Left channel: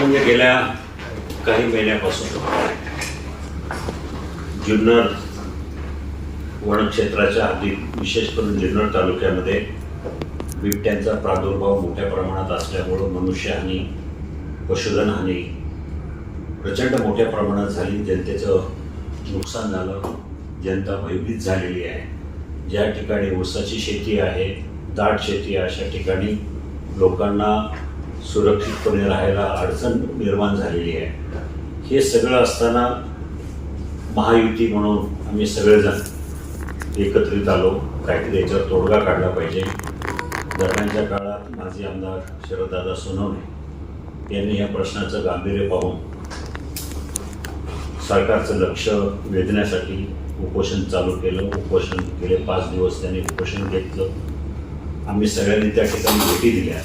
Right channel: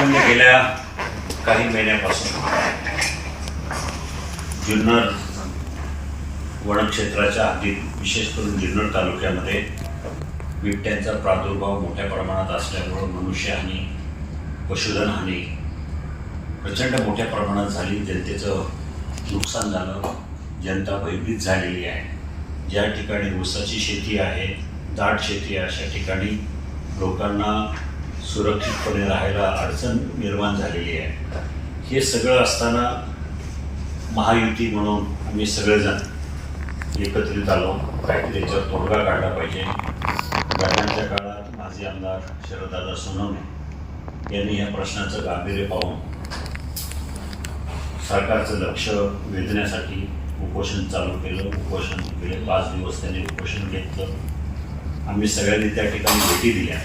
म्हणजे गेल्या काही महिन्यापासून जुन्नर वनक्षेत्राच्या हद्दीत विशेष करून जुन्नर तालुक्यामध्ये बिबट्यांचा प्रादुर्भाव मोठ्या प्रमाणात असल्यामुळं मनुष्यहानी पशुधन हानी प्रचंड मोठ्या प्रमाणात झाली. जनतेचं नुकसान झालं. जनता भयभीत झालेली आहे. ज्या ठिकाणी ऊसाची शेती आहे दाट शेती आहे अशा ठिकाणी लोकांना सुरक्षितपणे राहायला अडचण निर्माण झालेली आहे. हे सगळं असताना महायुती म्हणून आम्ही सगळेजण एकत्रित आलो. काहीतरी याच्यावर तोडगा काढला पाहिजे. घटनांच्या काळात माजी आमदार शरददादा सोनवणे यांनी या प्रश्नाचं गांभीर्य पाहून सरकारचं लक्ष वेधण्यासाठी उपोषण चालू केलं. उपोषण गेले पाच दिवस त्यांनी उपोषण घेतलं. आम्ही सगळ्यांनी त्या ठिकाणी भेटी दिल्या.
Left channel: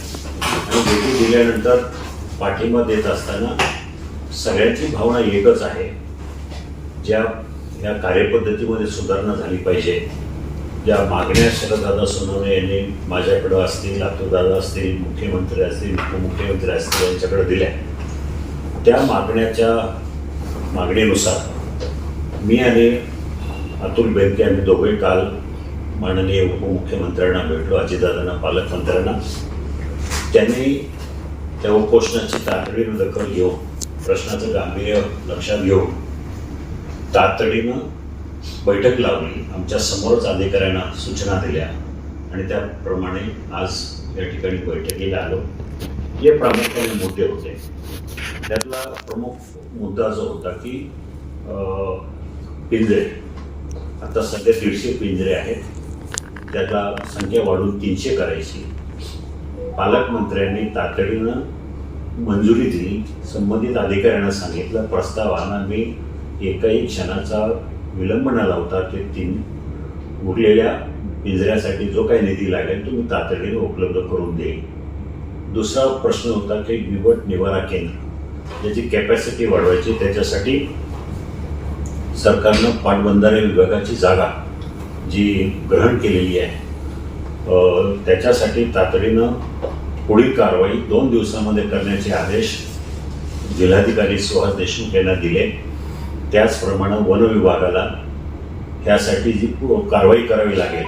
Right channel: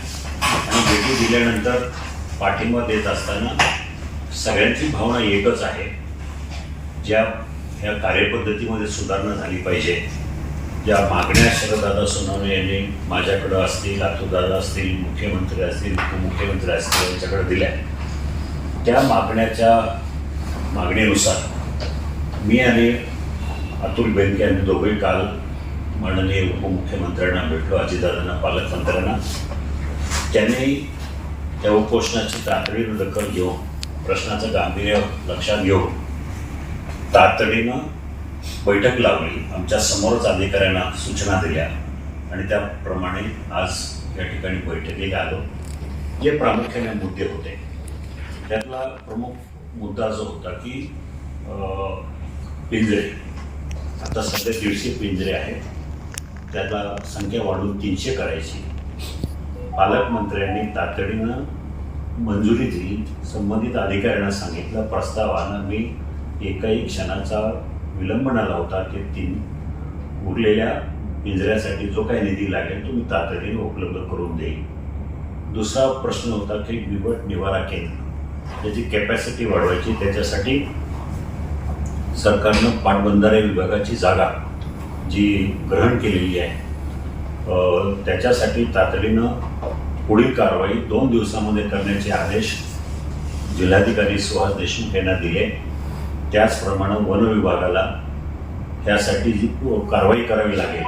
भेटी दिल्यानंतर पाठिंबा देत असताना सगळ्यांची भावना एकच आहे. ज्या ह्या कार्यपद्धतीमध्ये सुधारणा झाली पाहिजे ज्या मागण्या शरददादा सोनवणे यांनी माझ्याकडं असतील दादा असतील मुख्यमंत्री असतील उपमुख्यमंत्री असतील यांच्याकडे दिल्या. त्या मागण्याच्या मागणीनुसार मी आणि अतुल बेनके यांनी दोघे काल माननीय उपमुख्यमंत्र्यांना भेटलो अजितदादांना पालकमंत्र्यांना. त्यांनी त्या उपोषणाची तातडीनं दखल घेऊन प्रश्नाचं गांभीर्य लक्षात घेऊन तातडीनं बैठक लावली. आमच्या समोरच अधिकाऱ्यांना सूचना दिल्या आणि त्याप्रमाणे आज या ठिकाणी बैठकीला आलो. जे प्रामुख्याने मुद्दे होते. त्यातला प्रमुख मुद्दा जो होता की पिंजरे. आता सध्या दीडशे पिंजरे आहेत. त्याचा संख्या वाढून तीनशे करायची. पालकमंत्र्यांनी तातडीनं मंजुरी दिली संबंधित अधिकाऱ्यांना सांगितलं. प्रस्तावाना मी एकाही क्षणाचा विलंब न लावता ते तीन उरलेल्या पिंजऱ्यासाठी जो काही निधी लागेल तो मी तातडीने उपलब्ध करून देईन. दुसरा प्रश्न होता की निवड निवारा केंद्र. त्याची कॅपॅसिटी वाढवायची त्याच्यासाठी सरकारनं पाटबंधारे विभागाची जागा जी ग्रहण केलेली आहे त्याच्यासाठी तातडीनं पुढील कारवाई दोन दिवसामध्ये करण्याचे आदेश जिल्हाधिकारी सुहास देशमुख यांना दिले. त्याचप्रमाणे वन विभागाला ह्यासाठी जी कारवाई करावी लागेल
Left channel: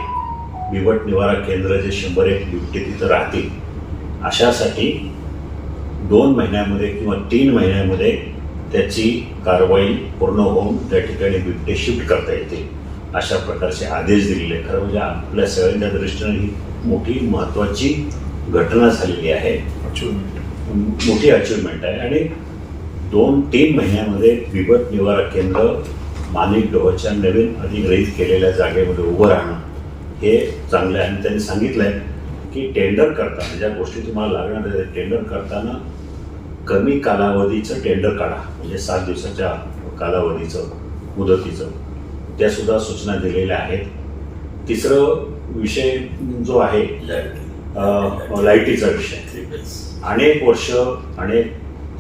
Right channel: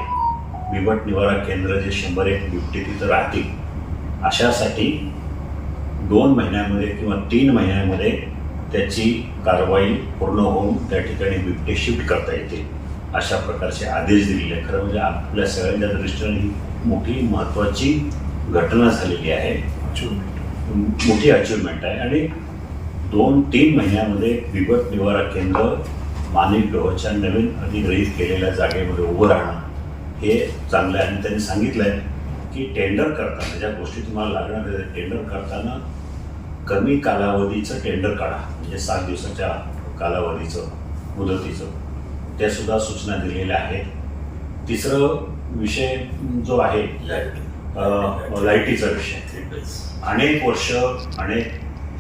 बिबट निवारा केंद्र जे शंभर एक बिबटे तिथं राहतील अशासाठी दोन महिन्यामध्ये किंवा तीन महिन्यामध्ये त्याची कारवाई पूर्ण होऊन त्या ठिकाणी बिबटे शिफ्ट करता येतील. अशा प्रकारचे आदेश दिलेले खरं म्हणजे आपल्या सगळ्यांच्या दृष्टीने ही मोठी महत्त्वाची घटना झालेली आहे. मोठी अचिव्हमेंट आहे. आणि दोन तीन महिन्यामध्ये विपत निवारा केंद्र मानिक गव्हाच्या नवीन अधिग्रहित केलेल्या जागेमध्ये उभं राहणं हे चांगलं आहे. आणि त्यांनी सांगितलं आहे की टेंडर करताना ज्या गोष्टी तुम्हाला लागणार आहेत टेंडर करताना कमी कालावधीचं टेंडर काढा. म्हणजे सात दिवसाच्या कालावधीचं मुदतीचं. त्या सुद्धा सूचना दिलेल्या आहेत. तिसरं विषय जो आहे लाईटीचा विषय. अनेक वर्ष अनेक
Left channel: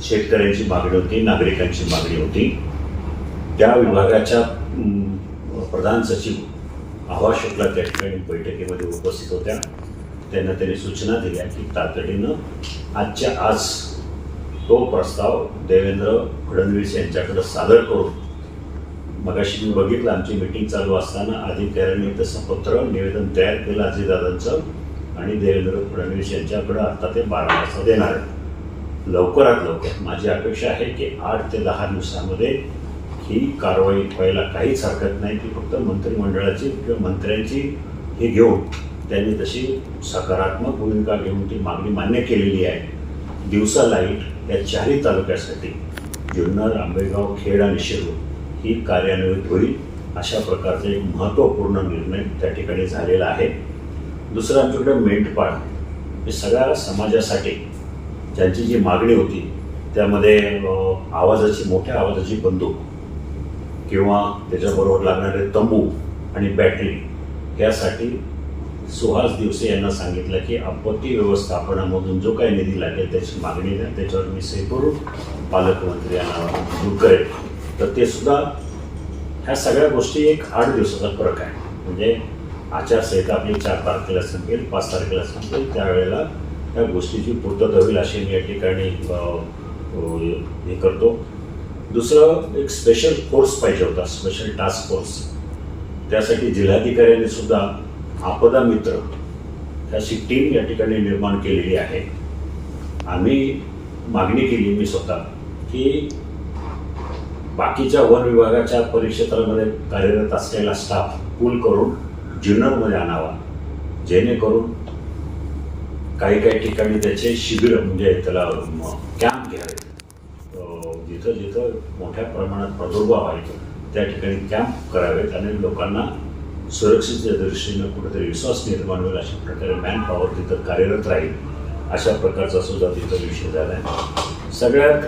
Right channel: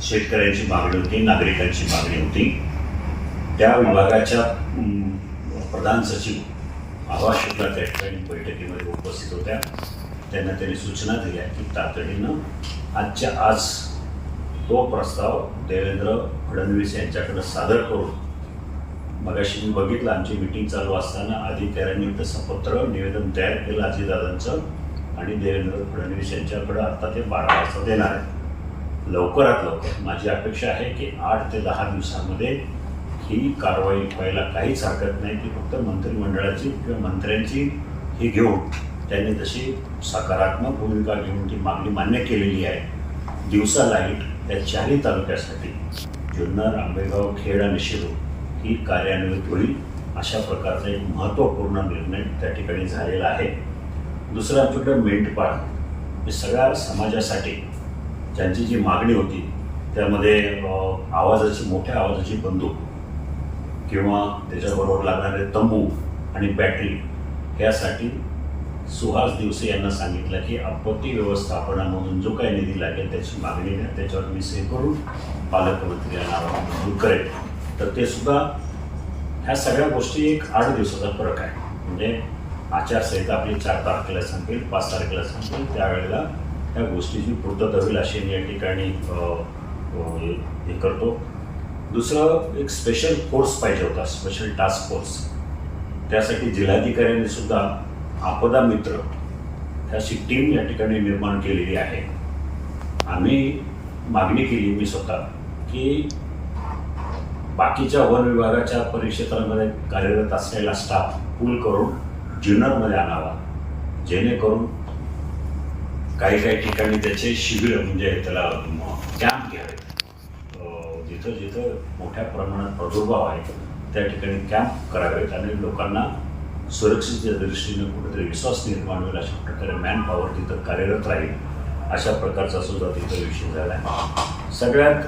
शेतकऱ्यांची मागणी होती नागरिकांची मागणी होती. त्या विभागाच्या प्रधान सचिव आभा शुक्ला त्या ठिकाणी बैठकीमध्ये उपस्थित होत्या. त्यांना त्यांनी सूचना दिल्या की तातडीनं आजच्या आज तो प्रस्ताव देवेंद्र फडणवीस यांच्याकडे सादर करून मगाशी मी बघितलं आमची मिटिंग चालू असताना अधिकाऱ्यांनी तसं पत्र निवेदन तयार केलं अजितदादांचं आणि देवेंद्र फडणवीस यांच्याकडं आता ते बारा वाजता देणार आहेत. लवकरात लवकर. माझी अपेक्षा आहे की आठ ते दहा दिवसामध्ये ही कारवाई व्हायला काहीच हरकत नाही. ती फक्त मंत्रिमंडळाची किंवा मंत्र्यांची ही घेऊन त्यांनी तशी सकारात्मक भूमिका घेऊन ती मागणी मान्य केलेली आहे. दिवसा लाइट या चारही तालुक्यासाठी जुन्नर आंबेगाव खेड आणि शिरूर. ही कार्यान्वित होईल अशा प्रकारचा एक महत्त्वपूर्ण निर्णय त्या ठिकाणी झालेला आहे. दुसरं आमच्याकडे मेंढपाळ हे सगळ्या समाजासाठी ज्यांची जी मागणी होती त्यामध्ये आवाजाची मोठ्या आवाजाची बंदूक किंवा त्याच्याबरोबर लागणारे तंबू आणि बॅटरी यासाठी सुहास दिवसे यांना सांगितलं की आपत्ती व्यवस्थापनामधून जो काही निधी लागेल त्याची मागणी द्या त्याच्यावर मी सही करून पालकमंत्री यांना मंजूर करेल तर ते सुद्धा ह्या सगळ्या गोष्टी एक आठ दिवसाचा फरक आहे. म्हणजे आचारसंहिता आपली चार तारखेला संपेल पाच तारखेला संपेल त्यावेळेला ह्या गोष्टीची पूर्तता होईल अशी मी या ठिकाणी हे हे करतो. दुसरं एक स्पेशल फोर्स पाहिजे होता स्पेशल टास्क फोर्स त्यासाठी जिल्हाधिकाऱ्यांनी सुद्धा आपदा मित्र अशी टीम या ठिकाणी निर्माण केलेली आहे. आम्ही मागणी केली मी स्वतः की बाकीच्या वन विभागाच्या परिक्षेत्रामध्ये कार्यरत असलेला स्टाफ पूल करून जुन्नरमध्ये आणावा. जेणेकरून काही काही ठिकाणी त्याचे शिबिर म्हणजे त्याला कॅम्प घ्यावे. जिथं जिथं मोठ्या प्रमाणात प्रादुर्भाव आहे त्या ठिकाणी कॅम्प करावेत आणि लोकांना सुरक्षेच्या दृष्टीनं कुठेतरी विश्वास निर्माण होईल अशा प्रकारे मॅन पॉवर तिथं कार्यरत राहील. अशा प्रकारचा सुद्धा तिथं विषय झाला आहे. सगळ्यात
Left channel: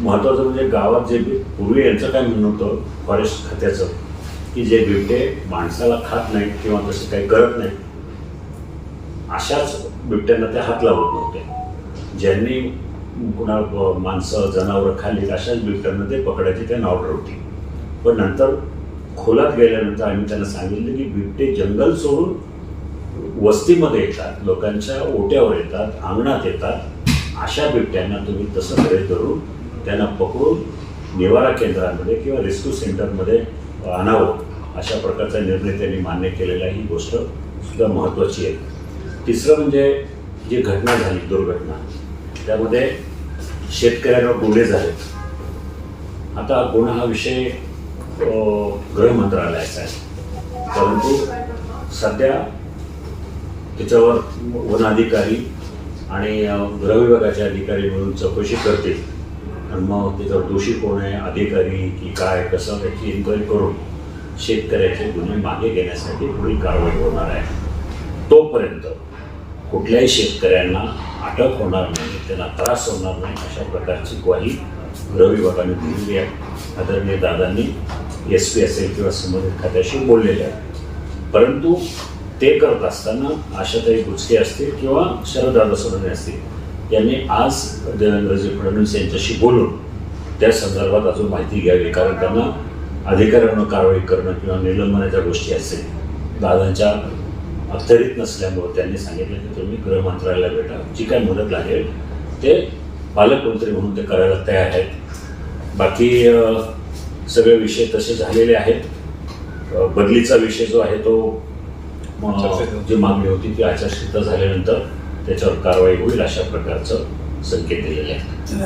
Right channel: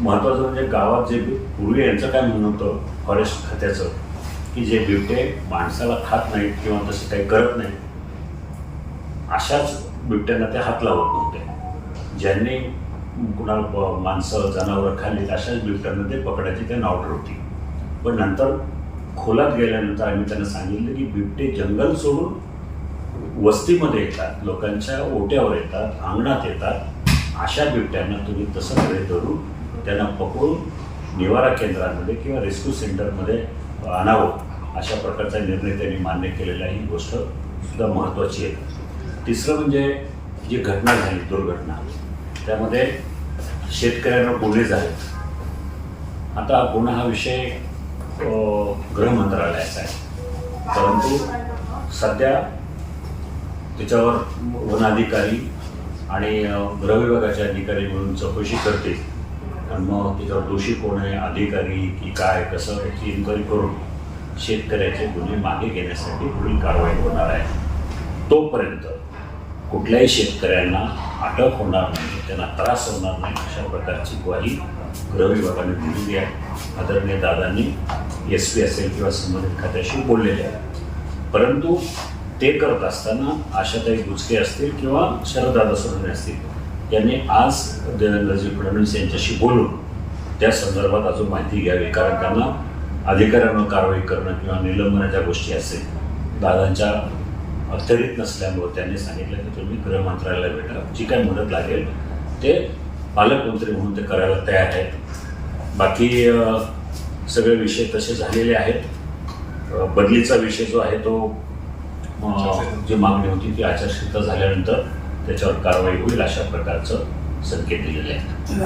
महत्त्वाचं म्हणजे गावात जे पूर्वी यांचं काय म्हणणं होतं फॉरेस्ट खात्याचं की जे बिबटे माणसाला खात नाहीत किंवा तसं काही करत नाहीत अशाच बिबट्यांना ते हात लावत नव्हते. ज्यांनी कुणा माणसं जनावरं खाली अशाच बिबट्यांना ते पकडायची त्यांना ऑर्डर होती. पण नंतर खोलात गेल्यानंतर आम्ही त्यांना सांगितलं की बिबटे जंगल सोडून वस्तीमध्ये येतात लोकांच्या ओट्यावर येतात अंगणात येतात अशा बिबट्यांना तुम्ही तसं कडे धरून त्यांना पकडून निवारा केंद्रांमध्ये किंवा रेस्क्यू सेंटरमध्ये आणावं अशा प्रकारचा निर्णय त्यांनी मान्य केलेला ही गोष्ट सुद्धा महत्त्वाची आहे. तिसरं म्हणजे जी घटना झाली दुर्घटना त्यामध्ये शेतकऱ्यांवर गुन्हे झाले. आता गुन्हा हा विषय गृह मंत्रालयाचा आहे. परंतु सध्या त्याच्यावर वनाधिकारी आणि अ, गृह विभागाचे अधिकारी म्हणून चौकशी करतील. आणि मग त्याच्यावर दोषी कोण आहे अधिकारी की काय कसं याची इन्क्वायरी करून शेतकऱ्याचे गुन्हे मागे घेण्यासाठी पुढील कारवाई होणार आहे. तोपर्यंत कुठल्याही शेतकऱ्यांना अटक होणार नाही त्यांना त्रास होणार नाही अशा प्रकारची ग्वाही गृह विभागाने दिलेली आहे. आदरणीय दादांनी एस पी असेल किंवा संबंधित खात्याशी बोललेले आहे परंतु ते करत असताना आशाताई बुचके असतील किंवा शरददादा सोडणे असतील यांनी आज देवेंद्रजी फडणवीस यांच्याशी बोलून त्या संदर्भात अजून माहिती घ्यावी कारण त्यांना अधिकाऱ्यांवर कारवाई करणं किंवा निलंबनाच्या गोष्टी असेल दादांच्या अखत्यारीत नसल्यामुळे त्यांनी सांगितलं की तुम्ही गृह मंत्रालयाला भेटा. जी काय मदत लागेल ते पालकमंत्री म्हणून ते करायला तयार आहेत. बाकी सगळे विषय तसे झालेले आहेत. बदलीचा विषय जो आहे तो जी मागणी होती ती आचारसंहिता झाल्यानंतर त्याच्यावर कारवाई होईल अशा प्रकारचं संकेत दिलेले आहेत.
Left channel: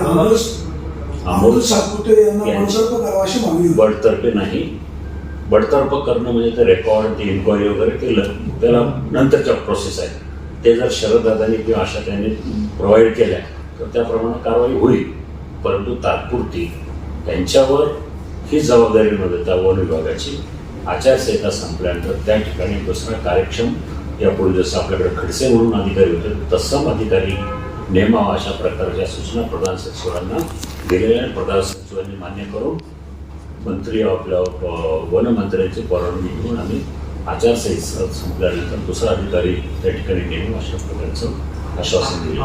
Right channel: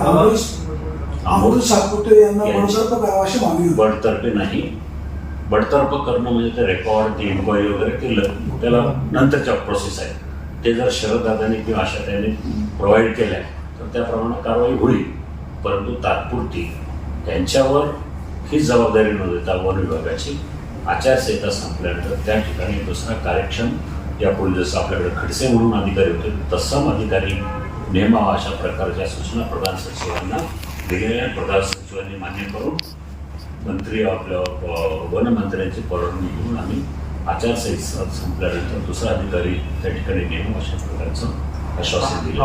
बडतर्फ नाही. बडतर्फ करणं म्हणजे ते रेकॉर्ड ती इन्क्वायरी वगैरे ते त्याला नंतरच्या प्रोसेस आहे. ते जर शरददादांनी किंवा आशाताईंनी प्रोव्हाइड केल्या तर त्याप्रमाणे कारवाई होईल. परंतु तात्पुरती त्यांच्यावर ही जबाबदारी न देता वन विभागाची आचारसंहिता संपल्यानंतर त्या ठिकाणी दुसरा कार्यक्षम यापुढे जसं आपल्याकडे खडसे म्हणून अधिकारी होते तत्सम अधिकारी नेमावा अशा प्रकारच्या सूचना प्रधान सचिवांना दिलेल्या आहेत. प्रधान सचिवांनी मान्य करून मंत्री आपल्या वनमंत्र्यांची परवानगी घेऊन आम्ही आचारसंहिता संपल्यानंतर दुसरा अधिकारी त्या ठिकाणी नेमू अशा प्रकारचं आश्वासन दिलं